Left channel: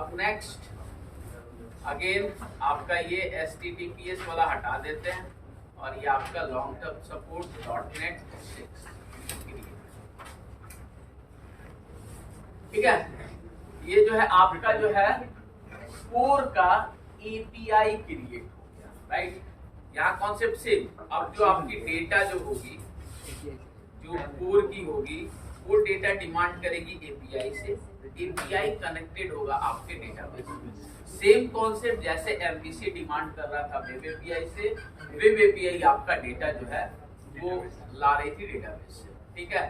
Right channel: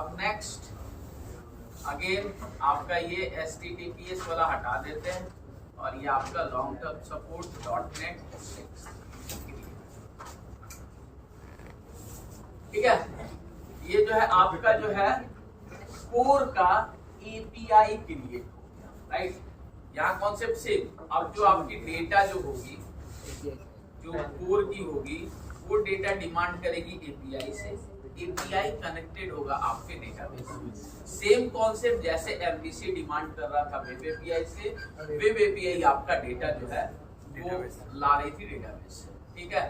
अब next again आपका ये HTTPS वाला हटा देते हैं और ये आपका लॉन्ग टर्म सपोर्ट .NET 6, ठीक है। ये जो है आपका जो है कोर का API क्रिएट हो गया, राइट। यहाँ कॉन्सेप्ट सेम। अब जो आपकी डेटा जो होगी, जो कोर की होगी, वो डेटा डिमांड करेगी API से, API कनेक्टेड होगा आपके डेटाबेस से। सेम कॉन्सेप्ट जैसे MVC डिमांड कर रहा था वेब API से, वेब API आपका डेटा जो है वो ला रही थी डेटाबेस से, ठीक है।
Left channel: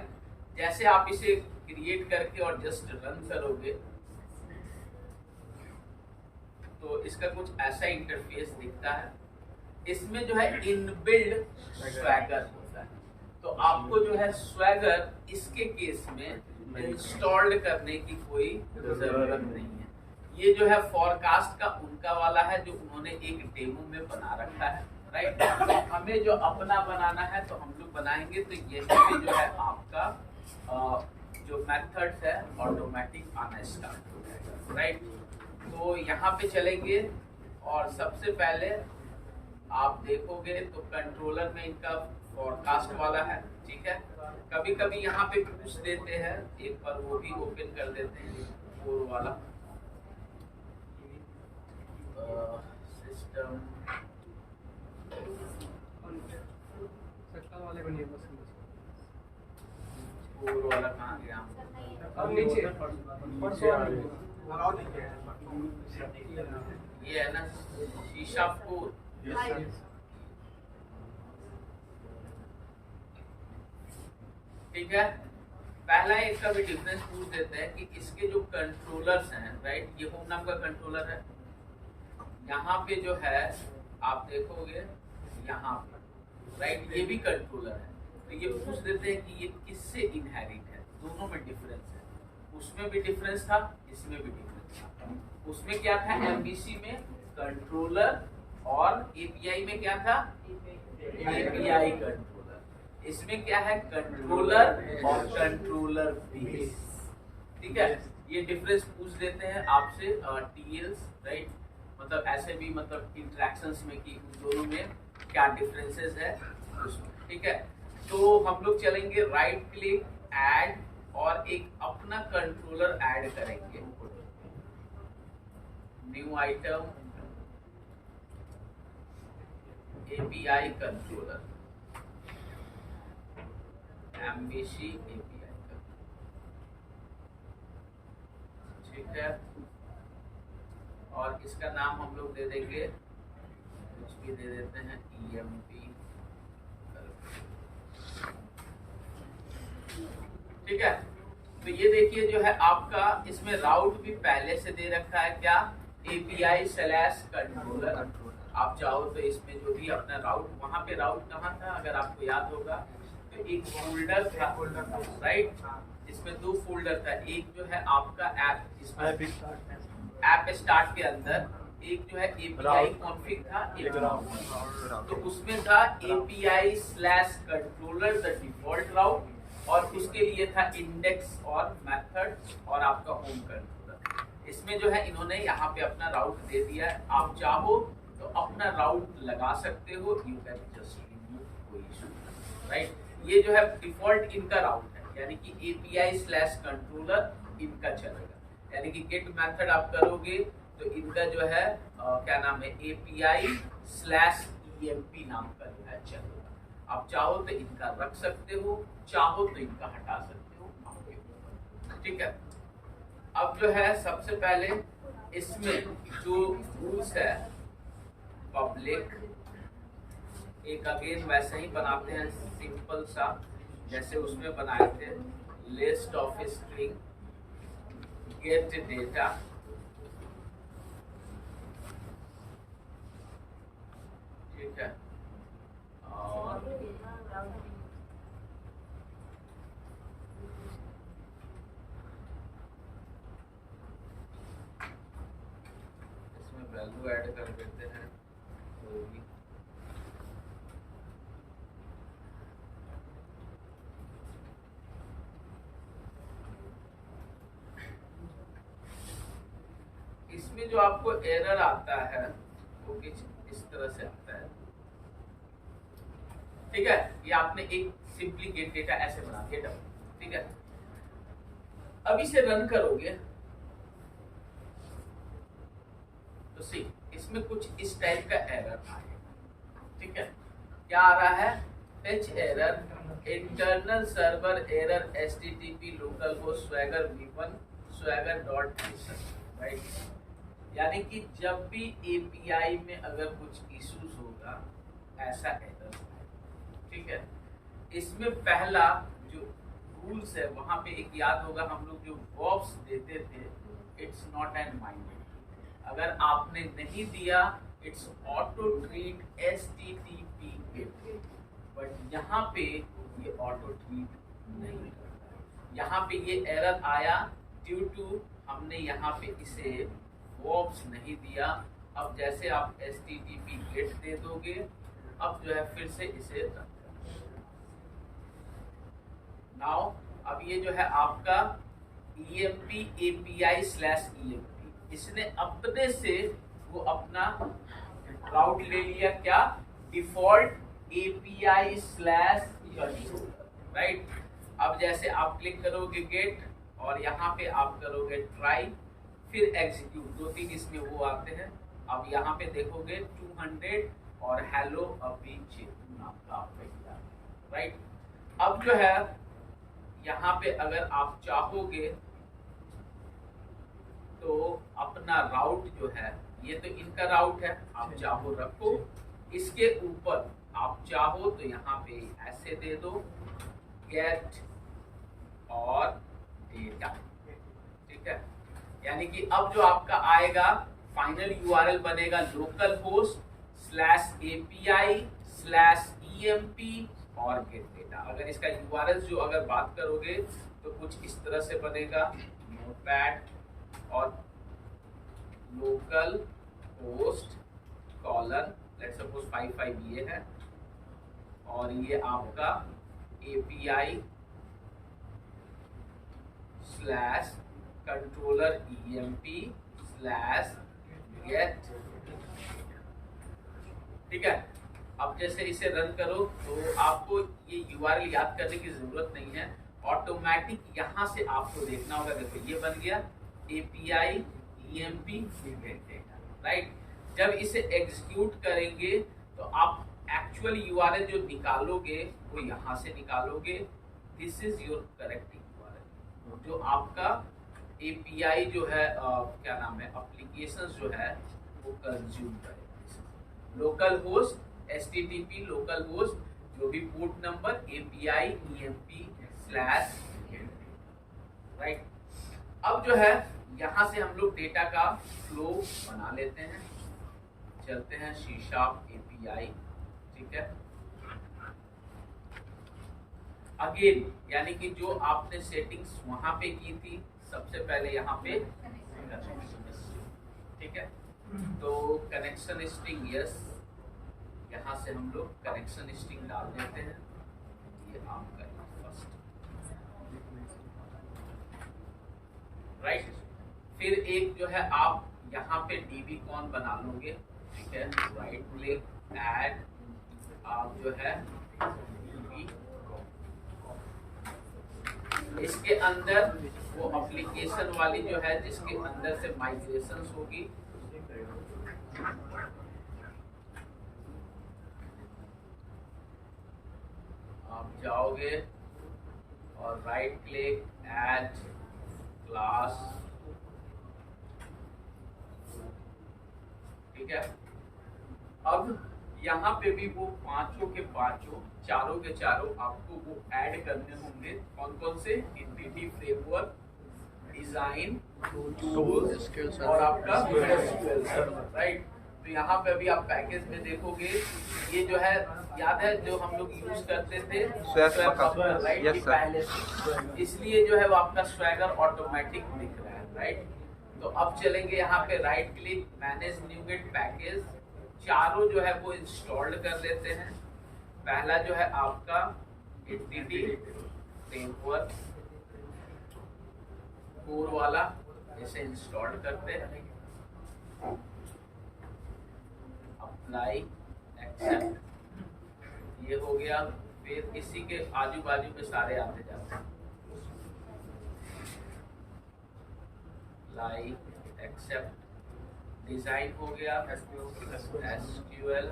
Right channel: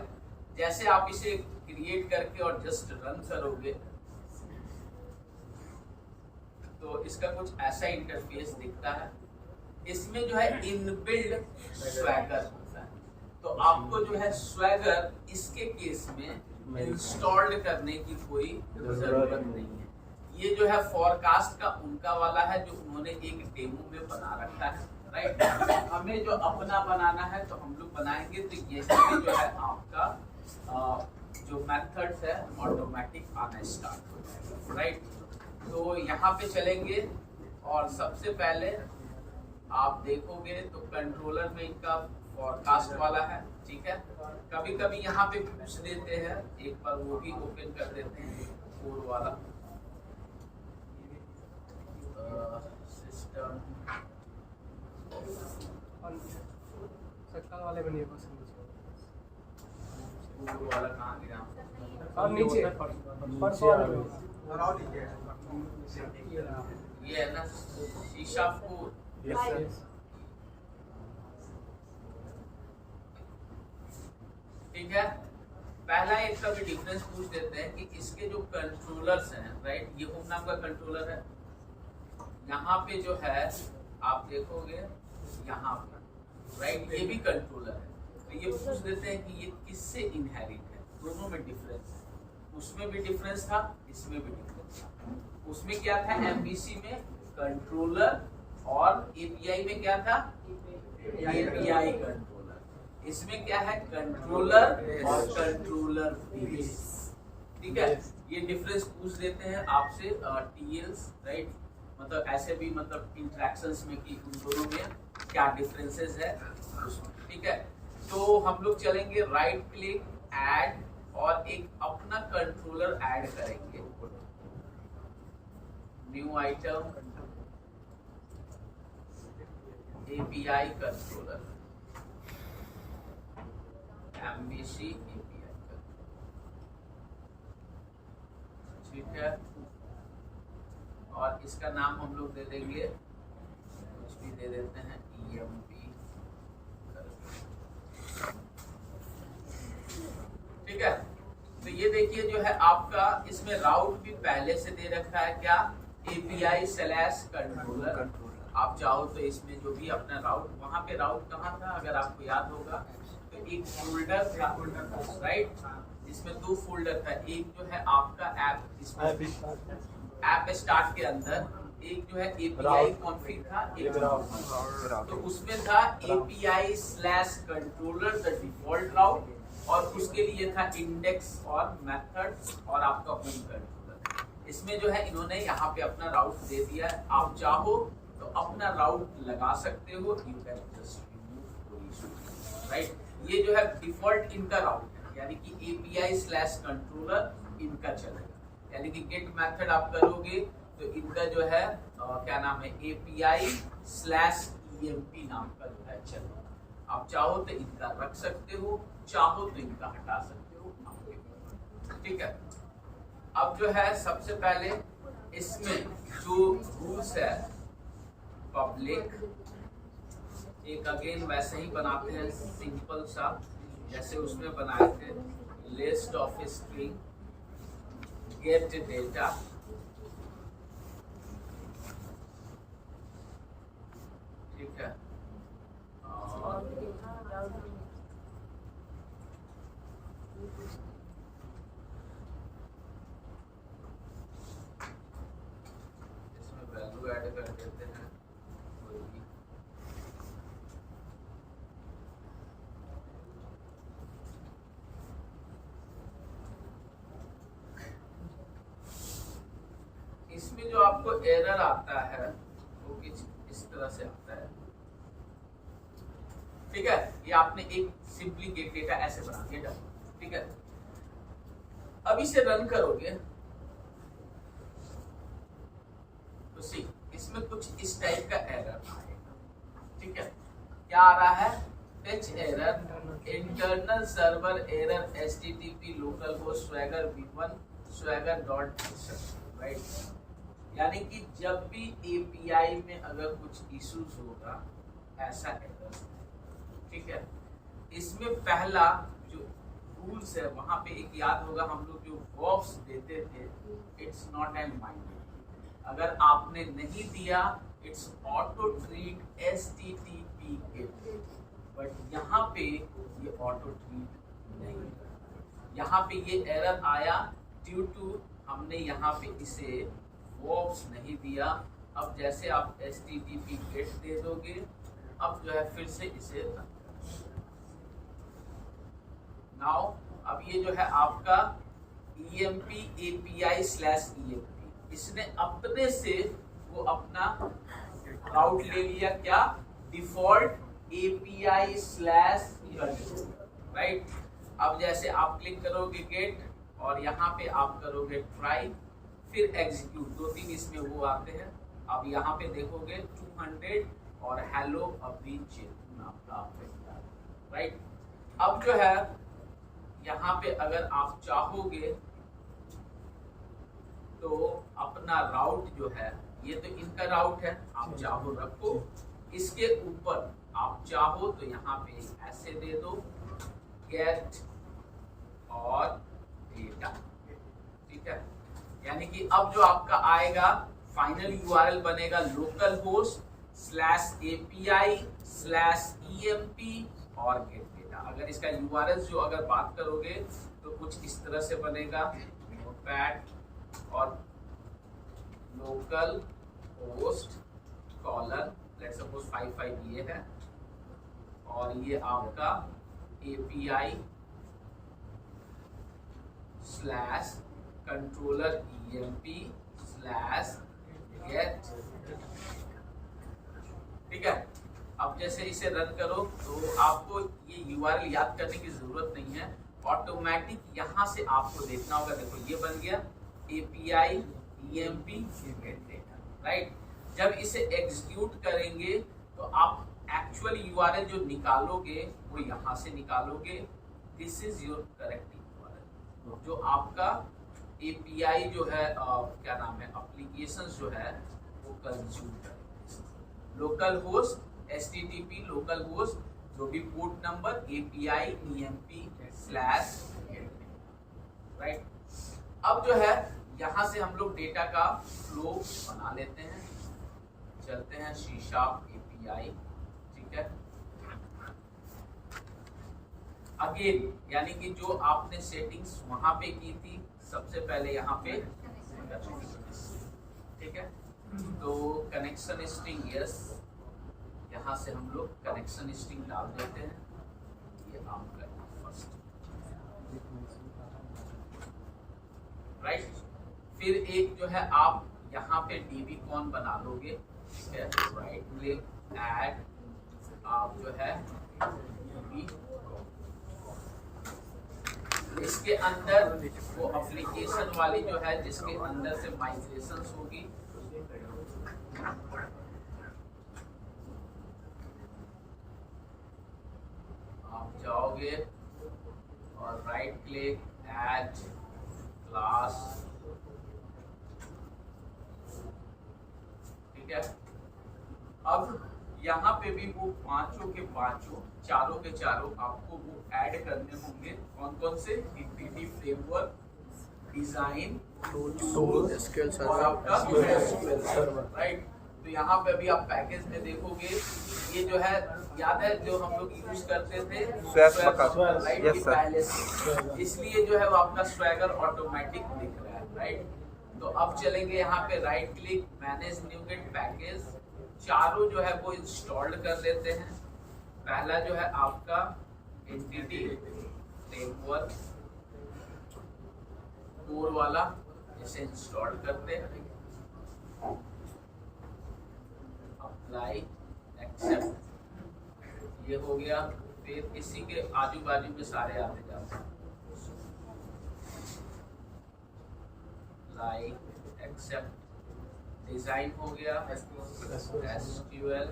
जैसे आप इसे क्रिएट करके और जस्ट रन करोगे तो इसका कुछ ऐसा इंटरफेस दिखता है। इसमें जो है इनबिल्ड स्वैगर होता है, तो आपको जो है स्वैगर इसके केस में इंस्टॉल्ड करने की कोई जरूरत नहीं है। ये जो है फॉरकास्ट का उनका वाला है जो उन्होंने एक डेमो में बना रखा है, राइट। हमें जो अपना बनाना है तो हम लोग बनाएंगे। तो ये जो है आपका जो मेथड्स है ऑटोमेटिक आना स्टार्ट हो जाएगा, राइट। तो यहाँ पे चलेंगे और सबसे पहले आप देखोगे तो कंट्रोलर में इनका फॉरकास्ट वाला है, ठीक है। कभी कभी यहाँ पे पूछ देते हैं, एक बार वो भी ओपन कर देते हैं कोर वाला सिस्टम वाले बनिए बस कोर वाला कहाँ गया? और नीचे ये है ना शीशा कोर, ठीक है। पहला इसका भी डिफरेंस पूछ देते हैं कि इसके जो कंट्रोलर्स हैं, राइट, ये होम नाम का कंट्रोलर है। यहाँ पे जो है आप देखोगे यहाँ पे, राइट, ये भी कंट्रोलर है। तो ये पूछ देते हैं कि ये किससे इनहेरिट है। दोनों में डिफरेंस है, उसमें भी डिफरेंस था, इसमें भी डिफरेंस था। उसमें क्या था MVC में कंट्रोलर और API में क्या था API कंट्रोलर। इसमें क्या है कंट्रोलर और कंट्रोलर बेस, ठीक है। ये डिफरेंस पूछ देते हैं आपसे TLs, राइट, मतलब ऐसे भी मतलब इंटरेक्शंस में कि उन दोनों में क्या डिफरेंसेस है, ठीक है। तो हम लोग चलेंगे राइट क्लिक ऐड और एक अपना कंट्रोलर ऐड करेंगे, new item API controller MVC API, ठीक है। और इसका नाम हम लोग दे देंगे, कुछ भी दे देते हैं EMP, ठीक है। तो ये देखिए जो है आपका इसमें राउट भी पहले से दे रखा है, क्या API/कंट्रोलर। आप चाहो तो इसमें जो भी अपना राउट, वहां पे राउट कहाँ था अगर आपको याद होगा तो एक फोल्डर था, राइट। इसमें दो फोल्डर था, एक जो है आपका ऐप स्टार्ट के अंदर, एक जो है API कॉन्फ़िग था, एक तो उसमें था API/कंट्रोलर द डिफॉल्ट राउट, और उसके लिए था इंडेक्स और मेथड और आपका होम कंट्रोलर। इसमें जो है इन्होंने यहाँ पे अपना राउट दे दिया है। आप चाहो तो अपना राउट लगा सकते हो, यू कैन जस्ट रिमूव, कोई इशू, राइट। ये जो है डिफॉल्ट इनका राउट है, यानी कि API/कंट्रोलर इनका चलेगा। यानी कि गेट मेथड आप करोगे तो इनका जो है क्या नाम है API/EMP नाम का जो है चलेगा। आप चाहो तो इनका रख सकते हो, चाहो तो इनका हटा सकते हो, ठीक है। अब जो है सबसे पहले इसमें जो रूल्स है पब्लिक, एक अगेन वैसे ही बनाते हैं सिंपल सा जैसे उसमें बनाए थे, list of string gate data, ठीक है। और इसमें वैल्यू ऐड कर देते हैं कोई भी, इसमें जो आपको एरर आता है वो कुछ इस तरह से आता है, ठीक है। ये आपने एक सिंपली गेट डेटा ऐसे बना दिया, ठीक है। अब इसे रन करोगे तो सी इसमें कुछ इस टाइप का एरर आएगा, ठीक है। क्या आ रहा है? Fetch error, internal server error, http localhost swagger v1 swagger.json, right. यानी कि जब भी एपीआई में अगर कुछ इश्यूज होगा ऐसा एरर, ठीक है। इसमें पहला जो रूल्स है वहां पे एक याद होगा, हम लोग जो वर्ब्स देते थे, इट्स नॉट एन माइंड, अगर आपने नहीं दिया it's auto treat http get, but यहाँ पे ये ऑटो ट्रीट नहीं करता है। यहाँ पे ये एरर आया ड्यू टू हमने यहाँ पे इसे वर्ब्स नहीं दिया। अब जैसे आप http गेट दे दोगे, अब जो है फिर से इसे नाउ अब ये जो है आपका emp API/emp, इसने अपने से वो अपना राउट ले लिया, क्या? Default API/control, right. अब जैसे आप क्लिक करोगे गेट और यहाँ पे आप करोगे ट्राई, फिर एग्जीक्यूट, 2-3 इसमें वो आते हैं। अब यहाँ पे देखोगे 200 और हेलो अभी नाम का, राइट। अब जो है यहाँ पे अगर आप चाहोगे तो अपना राउट जो है, ये तो इनका राउट है, आप चाहो रखो, इसके ऊपर आप चाहो तो यहाँ पे ऐसे दे दो गेट और डेटा, ठीक है। यानी कि अब जो आपका आएगा फाइनल यूआरएल बनेगा localhost/API/emp और गेट डेटा। अगर इसका यूआरएल जो अगर बात करोगे तो कुछ इस तरह से बनेगा, नोटपैड और local host colon, let's suppose 55 ये है, और ये आपका API/controller emp/get, ठीक है। अब जैसे इसे रन करो तो आपको ये यूआरएल याद करने की जरूरत नहीं है, ऑटोमेटिक यहाँ से आपको देखना होगा। देखो ये बन गया API emp राइट। जब इसे एग्जीक्यूट करेंगे तो आप एक्चुअल यूआरएल जो निकालोगे वो यहाँ से निकालोगे, this is your correct URL. जो आपका एपीआई जो है क्या नाम है, एप्लीकेशंस जो है वो कंज्यूम करेगा। Local host http local host जो भी port number API emp/, right. अब जो है यहाँ से हम लोग डेटा का फ्लो बना लेते हैं, चलते हैं C# API, ठीक है। अगेन यानी कि जो आपने सेटिंग्स वहां पे की थी, सबसे पहले यहाँ पे, ठीक है। तो कनेक्शन स्ट्रिंग यस, यहाँ से हम लोग कनेक्शन स्ट्रिंग डाल देते हैं, ये आपका फर्स्ट, राइट। फिर एक जो है आप यहाँ पे dbcon बना लोगे, ठीक है। राइट क्लिक ऐड, आप जो है इसके अंदर वो एप्लीकेशन वाली जो है जिसके अंदर से माइग्रेशन होगी, आप जाओगे और राइट क्लिक ऐड क्लास, ठीक है। अब यहाँ पे भी वो पांचों के पांचों, चारों के चारों आपको वो ऐड करने होंगे। कौन कौन से? एंटिटी फ्रेमवर्क, डिजाइन, टूल्स और आपका एसक्यूएल सर्वर, राइट। तो यहाँ पे अभी आप पैकेज में देखोगे, ये जो है याद है जो हम लोग यूज करते थे राइट, पहले से, इसलिए जो है वो आपका स्वैगर ऑटोमेटिक दिख रहा है, राइट। तो अब चलेंगे यहाँ पे right click manage NuGet package, चारों जो है वो इंस्टॉल्ड कर देते हैं। पहला जो है आपका एंटिटी फ्रेमवर्क कोर वाला, इसे इंस्टॉल करते हैं। अप्लाई एक्सेप्ट, ये हो गया। फिर इसी के आजू बाजू में सारे आते जाते हैं, लाइक एक्सेप्ट, डिजाइन हो गया SQL,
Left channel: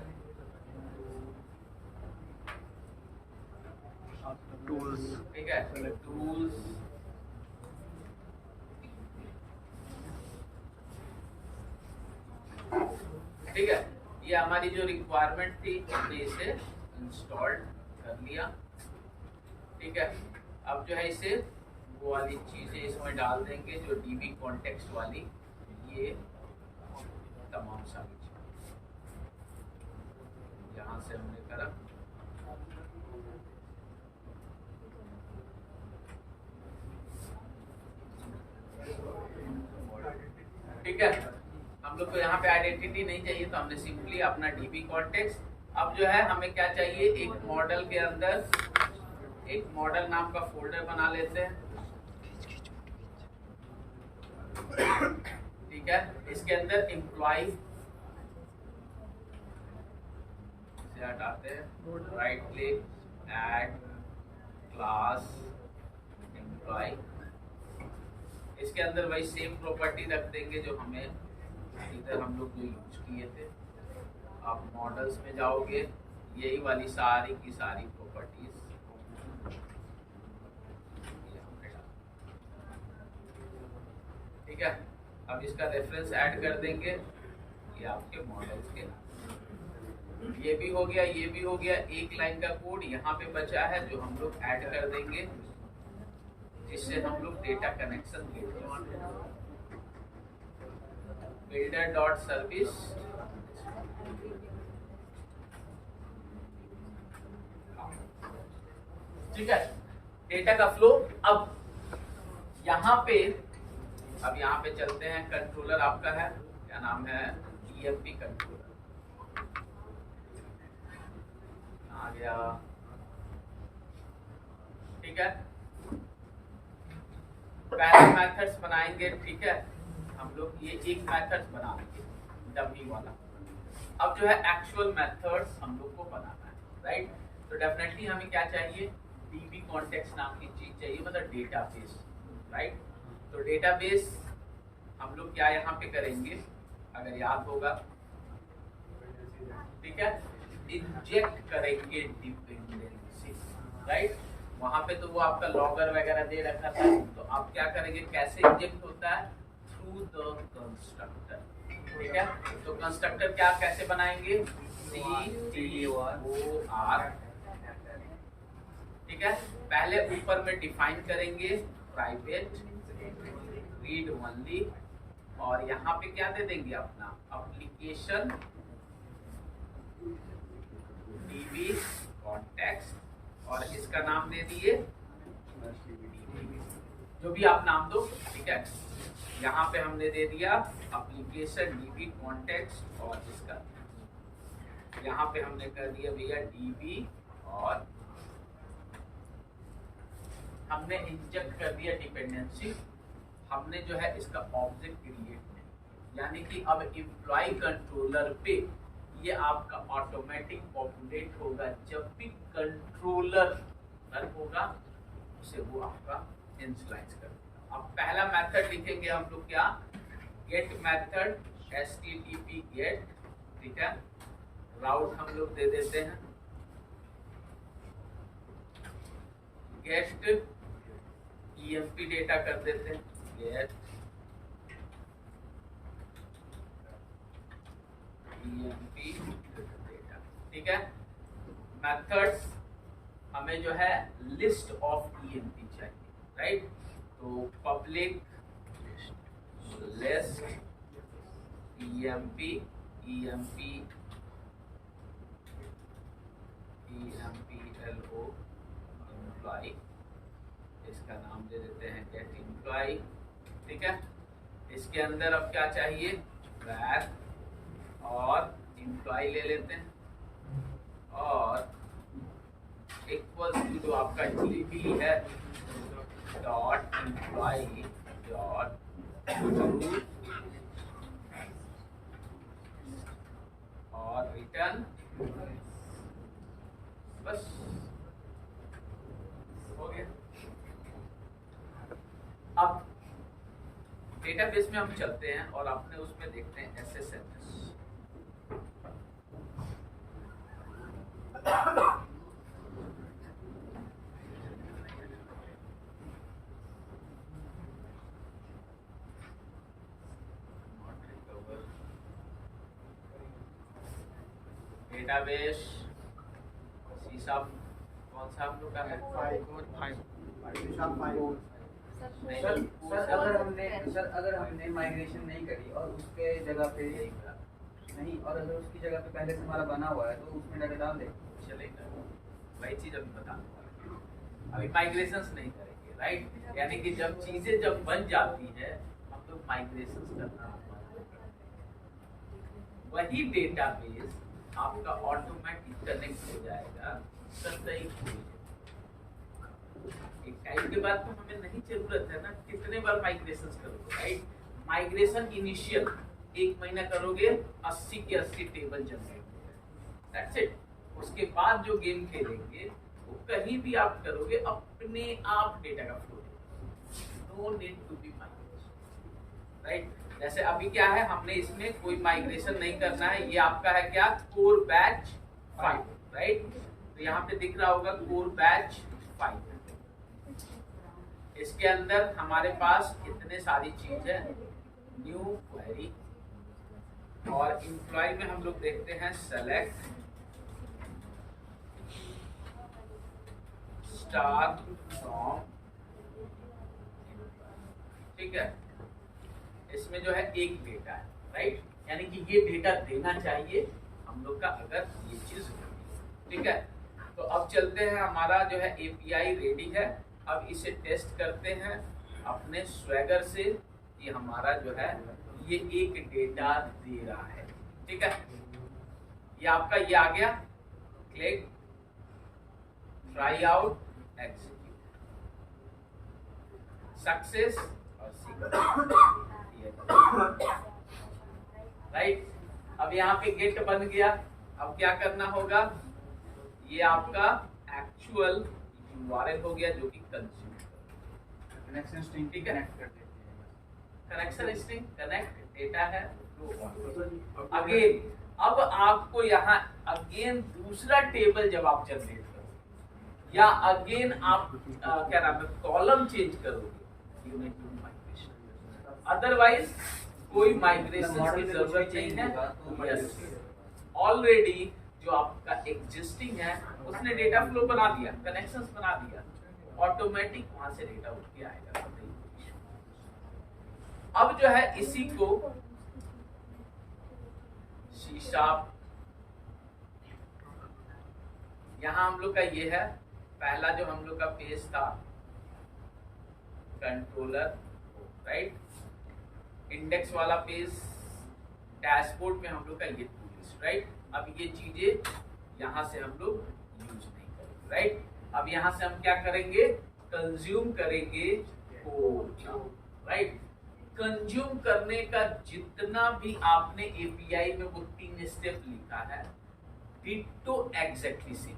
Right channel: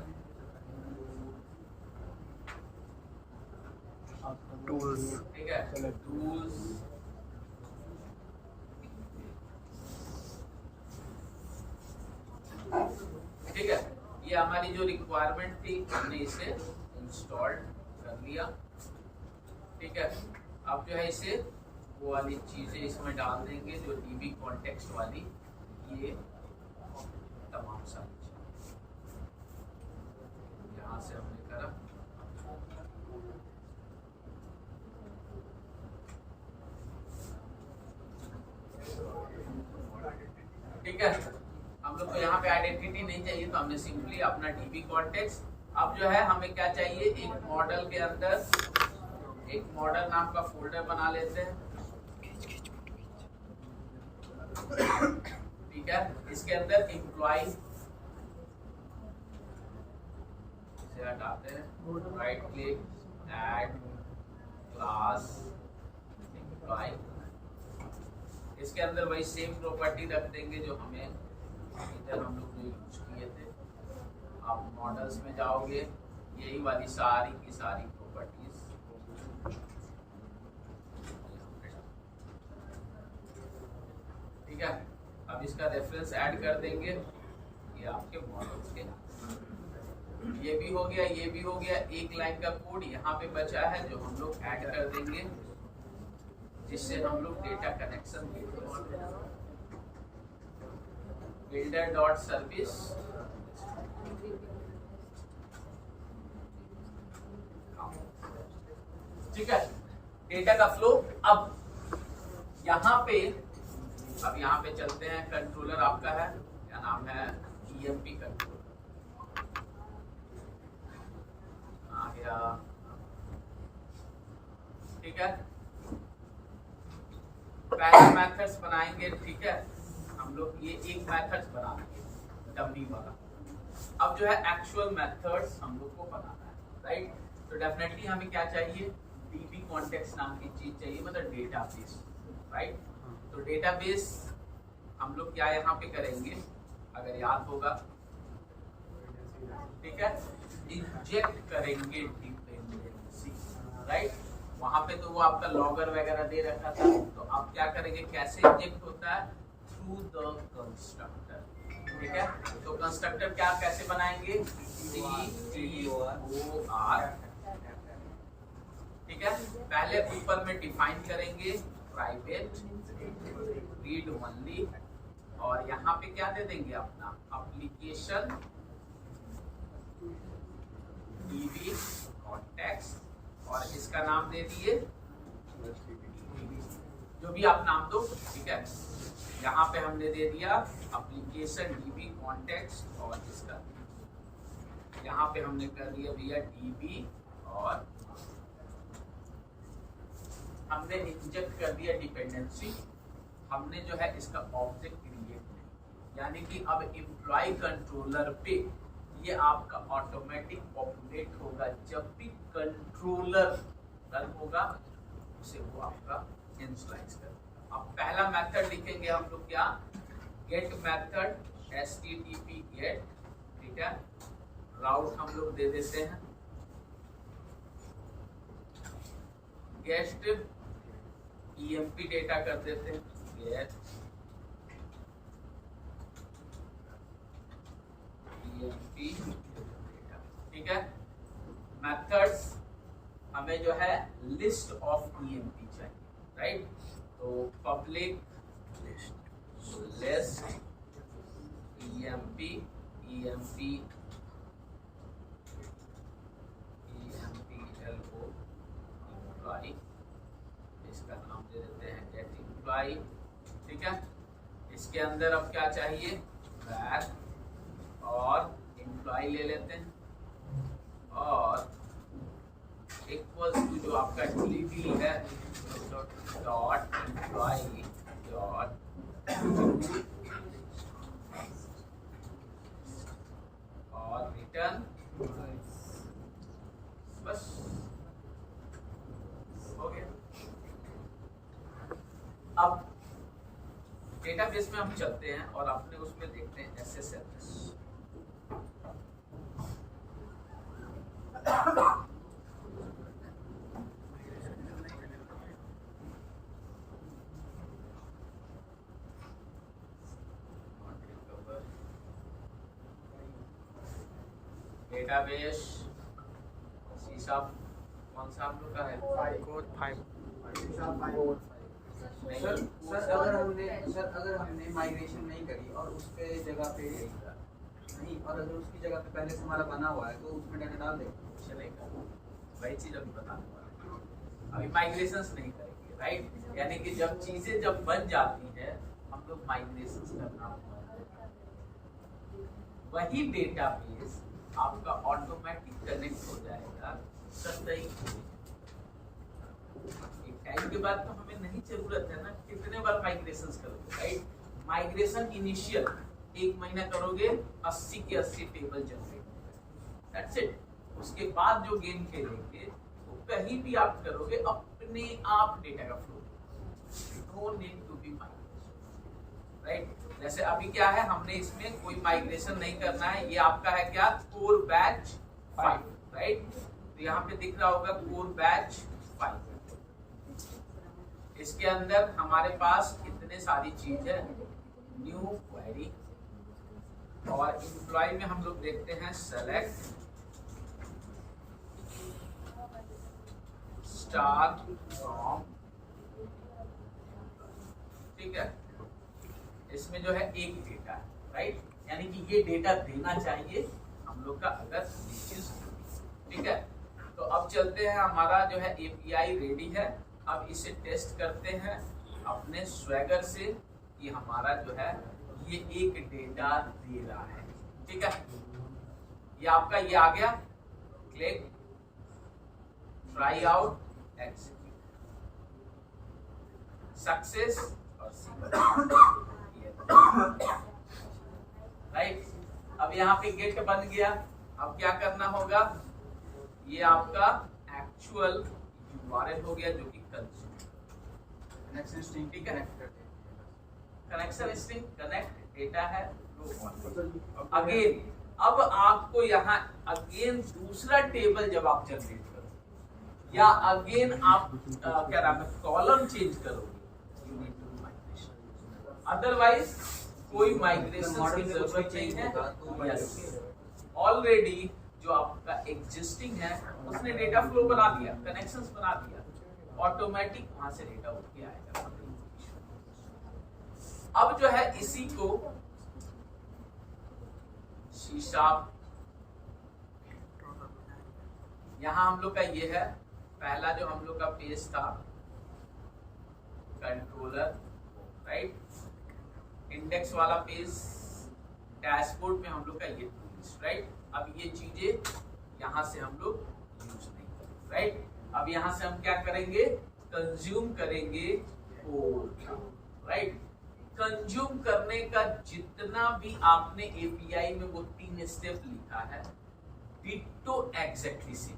टूल्स, ठीक है, टूल्स, ठीक है। ये हमारी जो रिक्वायरमेंट थी हमने इसे इंस्टॉल कर लिया, ठीक है। अब जो है इसे वो वाली चीजें इसमें डाल देंगे जो DB कॉन्टेक्स्ट वाली, ये तमाम सारी चीजें यहाँ से हमने करा। ठीक है, हम लोग को यहाँ पे आइडेंटिटी नहीं चाहिए तो हमने सिंपली अपना DB कॉन्टेक्स्ट। अब जो है हमें क्या चाहिए, एक मॉडल के अंदर एक मॉडल नाम का फोल्डर बना लेते हैं, ठीक है। इसके अंदर एम्प्लॉय से हटाते हैं, right click, add class employ, इसके अंदर वही सेम प्रॉपर्टी रख देंगे जो हमें इधर हम लोग जो यूज किए थे। आप मॉडल्स में जाओगे, यही वाली सारी की सारी प्रॉपर्टीज, ठीक है। अब इसका रेफरेंस ऐड कर देंगे, ये आपके मॉडल्स के, ये भी हो गया, ये भी हो गया। एक लाइन का कोड यहाँ पे बचा है जो हम लोग ऐड कर देंगे, जिससे हम लोग डेटा कनेक्शन बिल्ड कर सकते हैं। बिल्डर डॉट सर्विस, ठीक है, डेटा का फ्लो। अब यहाँ पे चलते हैं, कंट्रोलर आपका है, क्या नाम है, EMP कंट्रोलर आ गया, ठीक है। पहले मेथड्स बनाएंगे, ठीक है, हम लोग ये एक मेथड्स बना लेंगे डमी वाला। अब जो है एक्चुअल मेथड्स हम लोग को बनाना है, राइट। तो डेफिनेटली हमें क्या चाहिए, DB कॉन्टेक्स्ट नाम की चीज चाहिए, मतलब डेटाबेस, राइट। तो डेटाबेस हम लोग क्या यहाँ पे करेंगे, अगर याद होगा, ठीक है, इंजेक्ट करेंगे डिपेंडेंसी, राइट। वहां पे तो वो आपका लॉगर वगैरह दे रखा था, तो आप क्या करेंगे, कैसे इंजेक्ट होता है, थ्रू द कंस्ट्रक्टर, ठीक है। तो कंस्ट्रक्टर क्या कैसे बनाएंगे, CTOR, ठीक है। पहले ऊपर में डिफाइन करेंगे प्राइवेट रीड ओनली, और यहाँ पे क्या दे देंगे, अपना एप्लीकेशन DB कॉन्टेक्स्ट, और इसका नाम दे दिए जो भी आप नाम दो, ठीक है। यहाँ पे हमने दे दिया एप्लीकेशन DB कॉन्टेक्स्ट, और इसका यहाँ पे हमने कर दिया भैया DB, और हमने इंजेक्ट कर दिया डिपेंडेंसी। हमने जो है इसका ऑब्जेक्ट क्रिएट किया, यानी कि अब एम्प्लॉय कंट्रोलर पे ये आपका ऑटोमेटिक पॉपुलेट होगा, जब भी कंट्रोलर रन होगा उसे वो आपका इनिशियलाइज कर। अब पहला मेथड लिखेंगे हम लोग, क्या, गेट मेथड, HTTP गेट, ठीक है। राउट हम लोग दे देते हैं गेट EMP डेटा कर देते हैं, गेट EMP डेटा, ठीक है। मेथड्स हमें जो है लिस्ट ऑफ EMP चाहिए, राइट। तो public list EMP LO employ, इसका नाम दे देते हैं गेट एम्प्लॉय, ठीक है। इसके अंदर अब क्या चाहिए, वैर, और एम्प्लॉय ले लेते हैं, और इक्वल्स टू जो आपका DB है डॉट एम्प्लॉय डॉट डेटाबेस में हम चलते हैं और अपने उसमें देखते हैं SSMS। डेटाबेस शीशा कौन सा हम लोग का है? सर अगर हमने माइग्रेशन नहीं करी और उसके जगह पे नहीं, और अगर उसकी जगह पे पहले से हमारा बना हुआ है तो उसमें डाटा डाल दे चलेगा। वही चीज अभी बताने वाले हैं। अभी माइग्रेशंस नहीं करेंगे, राइट? यानी कि जब चीजें जब बन जाती है हम लोग माइग्रेशंस करना होता है। वही डेटाबेस आपका ऑटोमेटिक कनेक्ट हो जाएगा सही। एक टाइम के बाद तो हमें नहीं जरूरत है ना कितने बार माइग्रेशंस करोगे, राइट? माइग्रेशन इनिशियल 1 महीना करोगे 80 के 80 टेबल जनरेट, दैट्स इट। उसके बाद जो गेम खेलेंगे वो कहीं भी आप करोगे अपने आप डेटा का flow, no need to be migration, right? जैसे अभी क्या है, हमने इसमें कोई माइग्रेशन नहीं करना है। ये आपका है क्या, कोर बैच 5, राइट? तो यहाँ पे दिख रहा होगा कोर बैच 5। इसके अंदर हमारे पास इतने सारी चीज है, न्यू क्वेरी, और एम्प्लॉय में हम लोग देखते हैं सेलेक्ट स्टार फ्रॉम, ठीक है? इसमें जो है एक डेटा है, राइट? यानी कि ये डेटा देना चाहिए हम लोग का अगर ये चीज, ठीक है? तो अब चलते हैं, हमारा जो है एपीआई रेडी है। अब इसे टेस्ट करते हैं अपने स्वैगर से कि हमारा जो है ये एक डेटा दे रहा है, ठीक है? ये आपका ये आ गया, click, try out, execute, success और राइट? अब यहाँ पे गेट बन गया। अब क्या करना होगा, ये आपका एक्चुअल URL हो गया जो कि कनेक्शन स्ट्रिंग ठीक है, कनेक्ट करते हैं। कनेक्शन स्ट्रिंग कनेक्ट डेटा है। अगेन अब आपको यहाँ अगेन दूसरा टेबल जब आप जनरेट करोगे या अगेन आप क्या नाम है कॉलम चेंज करोगे, you need to migration, otherwise कोई माइग्रेशन की जरूरत नहीं है। यस, ऑलरेडी जो आपका एग्जिस्टिंग है उसने डेटा फ्लो बना दिया, कनेक्शंस बना दिया, ऑटोमेटिक वहां से डेटा उठ के आएगा। अब जो है इसी को शीशा, यहां हम लोग का ये है पहला जो हम लोग का पेज था, कंट्रोलर, राइट? इंडेक्स वाला पेज, डैशबोर्ड में हम लोग का ये टूल्स, राइट? अब ये चीजें यहां से हम लोग यूज नहीं करेंगे, राइट? अब यहां से हम क्या करेंगे, कंज्यूम करेंगे कोड, राइट? कंज्यूम करने का जितना भी आपने एपीआई में वो 3 स्टेप लिखा है, डिट्टो एग्जैक्टली सेम,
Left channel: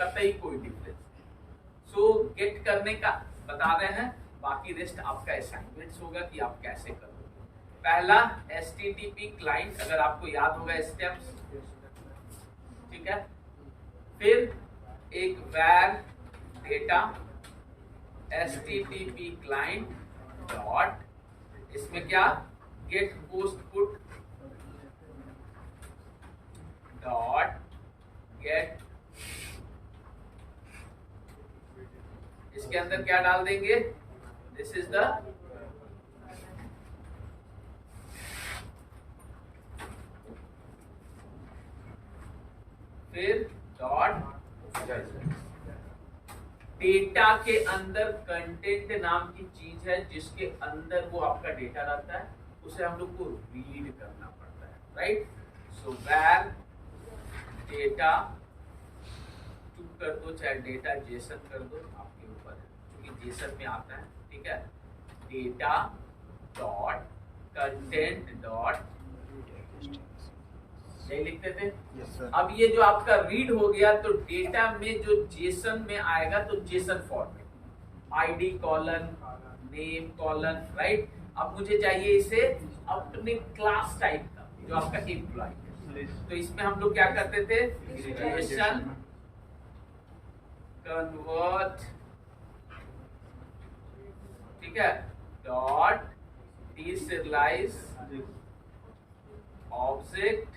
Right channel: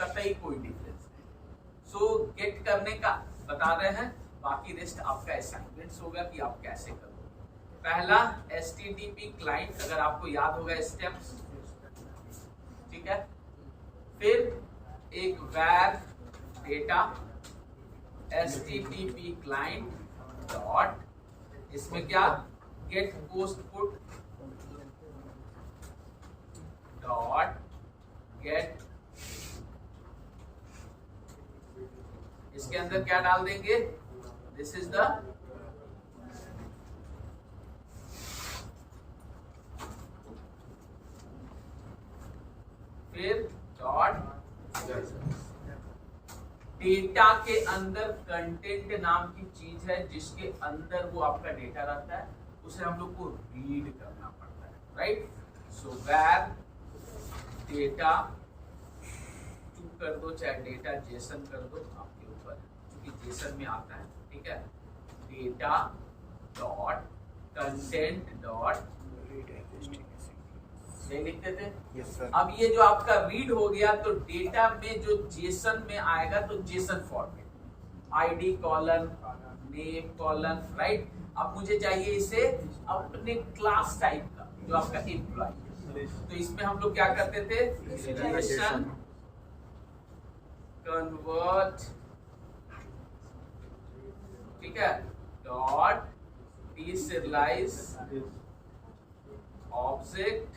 कतई कोई डिफरेंस नहीं। सो गेट करने का बता रहे हैं, बाकी रेस्ट आपका असाइनमेंट्स होगा कि आप कैसे करोगे। पहला HTTP क्लाइंट, अगर आपको याद होगा स्टेप्स, ठीक है? फिर एक वैर डेटा HTTP क्लाइंट डॉट, इसमें क्या, get post put dot gate, इसके अंदर क्या डाल देंगे, दिस इज द फिर डॉट डेटा के अंदर कंटेंट नाम की चीज है जिसके अंदर वो आपका डेटा रहता है, उसे हम लोग को रीड करना पड़ता है, राइट? सो वैर डेटा चुप कर दो, चाहे डेटा जेसन कर दो, आपके ऊपर, क्योंकि जेसन में आता है, ठीक है? डेटा डॉट कंटेंट डॉट लिखते थे। yes, अब ये जो आपका रीड हो गया तो डेटा में जो जेसन में आएगा तो JSON format, ID colon, name colon, right? अब मुझे चाहिए इसे अपने क्लास टाइप का, जो आपका एम्प्लॉय। तो इसमें हम लोग क्या करते थे, रिलेशन कन्वर्ट, ठीक है, डॉट डीसिरियलाइज ऑब्जेक्ट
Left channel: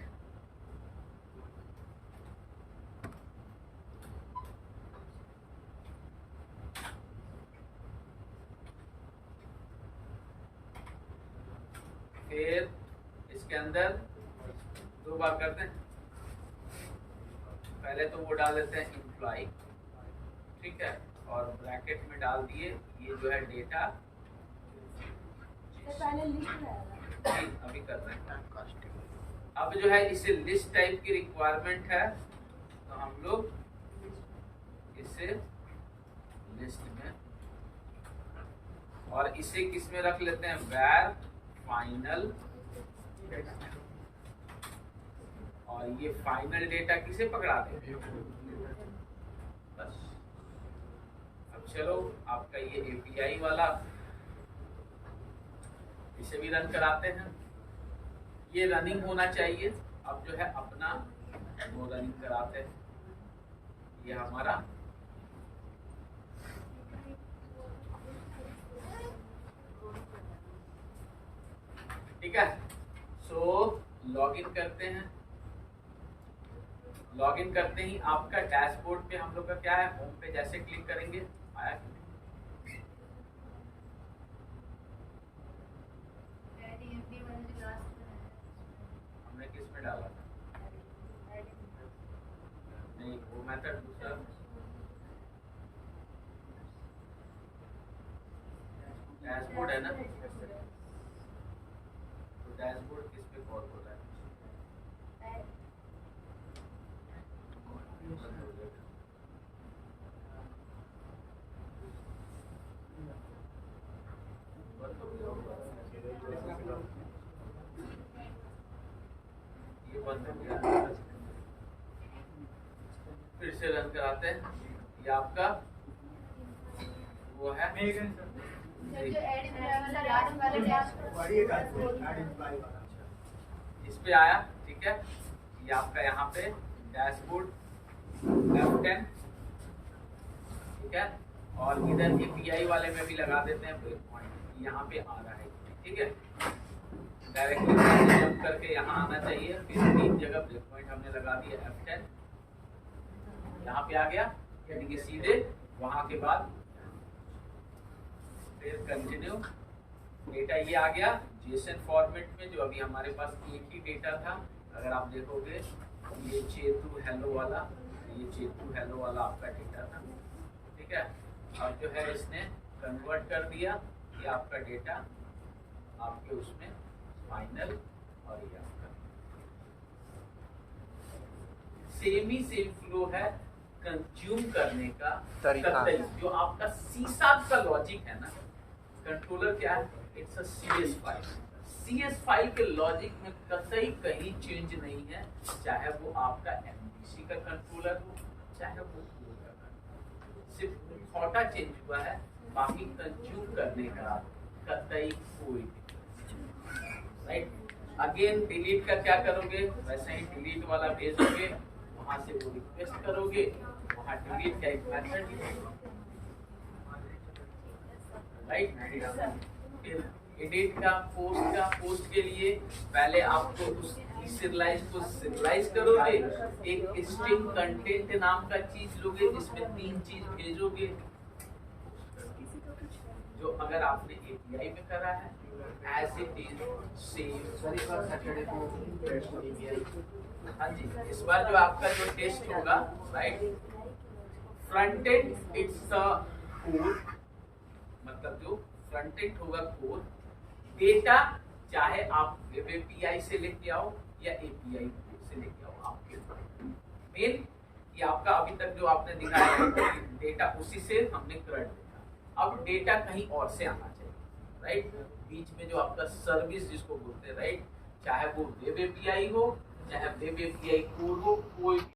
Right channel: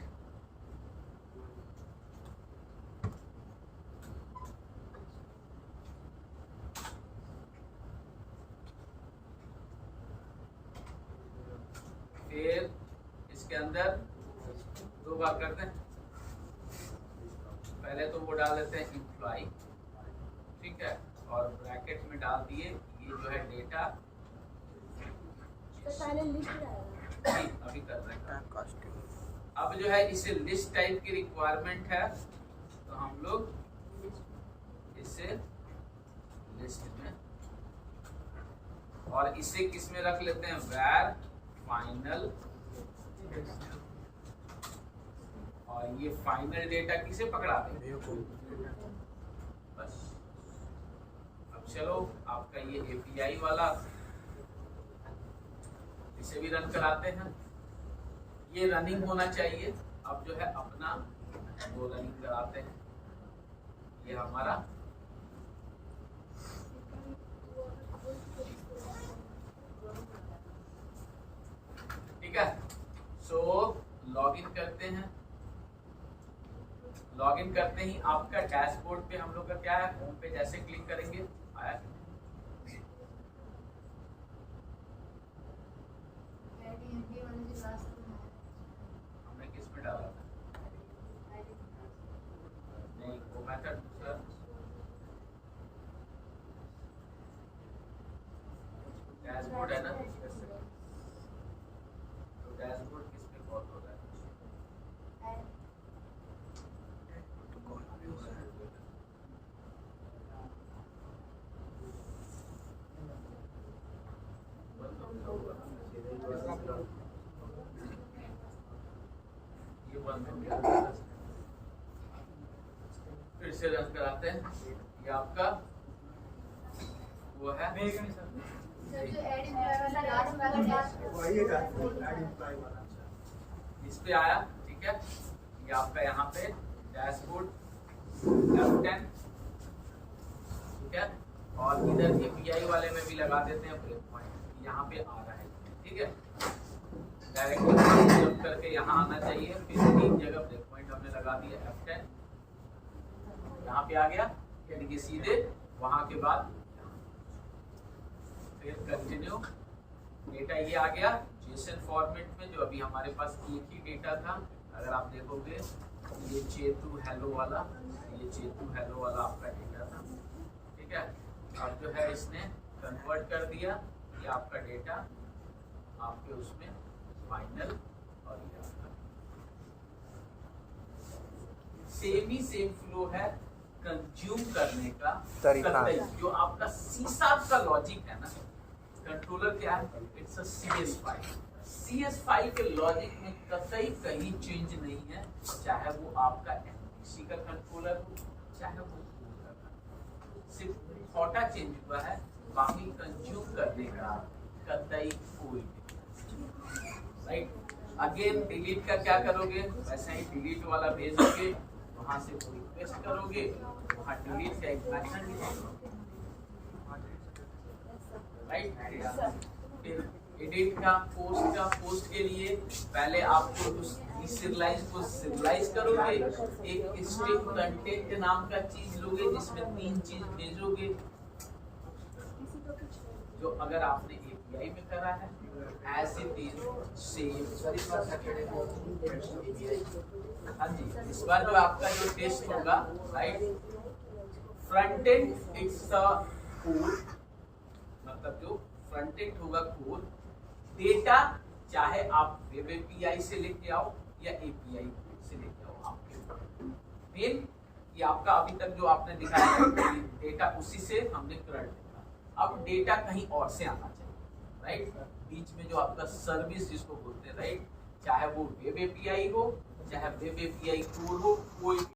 फिर इसके अंदर दो बार करते हैं। पहले तो वो डाल देते हैं एम्प्लॉय, ठीक है, और ब्रैकेट में डाल दिए ये जो है डेटा। पहले लिस्ट रहेगा, अभी कर रहे हैं। अब जो है इसे लिस्ट टाइप की रिक्वायरमेंट है, तो हम लोग इसे लिस्ट में, और इसे किस में रख लेते हैं, where फाइनल, और ये फाइनल डेटा किसे पकड़ा दे बस। अब चलो आपका ये एपीआई वाला, इसे भी रन कराते हैं। ये रनिंग होना चाहिए। अब जो है अपना वो रनिंग कराते हैं, ये हमारा ठीक है। सो लॉगिन करते हैं। लॉगिन करते ही आपका डैशबोर्ड पे हम लोग का क्या है, होम पे जैसे क्लिक करेंगे आया कि नहीं? हमने किस में डाला था, नहीं वो मेथड दूसरा, डैशबोर्ड है ना, तो डैशबोर्ड किस पे कॉल हो रहा है, ये बंद हो गया। फिर से रन कराते हैं। ये आपका वो है, इस पे आया, ठीक है। ये आपका यहाँ पे डैशबोर्ड F10, ठीक है, और इधर एपीआई वाले में भी लगा देते हैं ब्रेक पॉइंट, यहाँ पे आ रहा है, ठीक है। डायरेक्टली जंप करके यहाँ आना चाहिए, फिर 3 जगह ब्रेक पॉइंट हमने लगा दिया F10, यहाँ पे आ गया, यानी कि सीधे वहां के बाद फिर कंटिन्यू। डेटा ये आ गया जेसन फॉर्मेट में, जो अभी हमारे पास एक ही डेटा था। अगर आप देखोगे ये चेतु हेलो वाला, ये चेतु हेलो वाला आपका डेटा था, ठीक है। अब जो है इसने कन्वर्ट कर दिया, ये आपका डेटा आपके उसमें फाइनल, और ये आपका सेम ही सेम फ्लो है कंज्यूम करने का तरीका। जो आपका सीसाब का लॉजिक है ना, कंट्रोलर क्या है, it's a CS file. CS file के लॉजिक में कतई कहीं चेंज नहीं है, चाहे वो आपका MVC का कंट्रोलर हो, चाहे वो सिर्फ छोटा चेंज हुआ है, बाकी कंज्यूम करने का कतई कोई राइट। अगेन डिलीट का क्या करोगे, वैसे ही डिलीट वाला भेजोगे, वहां से वो रिक्वेस्ट करोगे, वहां डिलीट का एक मेथड राइट। फिर एडिट का, पोस्ट के लिए पहले आपको उस सीरियलाइज को सीरियलाइज करोगे, एक स्ट्रिंग कंटेंट नाम का चीज लोगे, जिसमें 3 चीज भेजोगे, जो अगर आपने एपीआई में करा है एज इट इज सेम। हाँ जी, इस बार जो आपका जो टेस्ट होगा right, front end it's the code, मतलब जो फ्रंट एंड होगा कोड, डेटा चाहे आप वेब एपीआई से लेके आओ या एपीआई से लेके आओ, आपके मेन ये आपका अभी तक जो आपने दिखाया डेटा उसी से हमने कर दिया। अब डेटा कहीं और से आना चाहिए राइट, बीच में जो आपका सर्विस जिसको बोलते हैं राइट, चाहे वो वेब एपीआई हो, चाहे वेब एपीआई कोड हो, कोई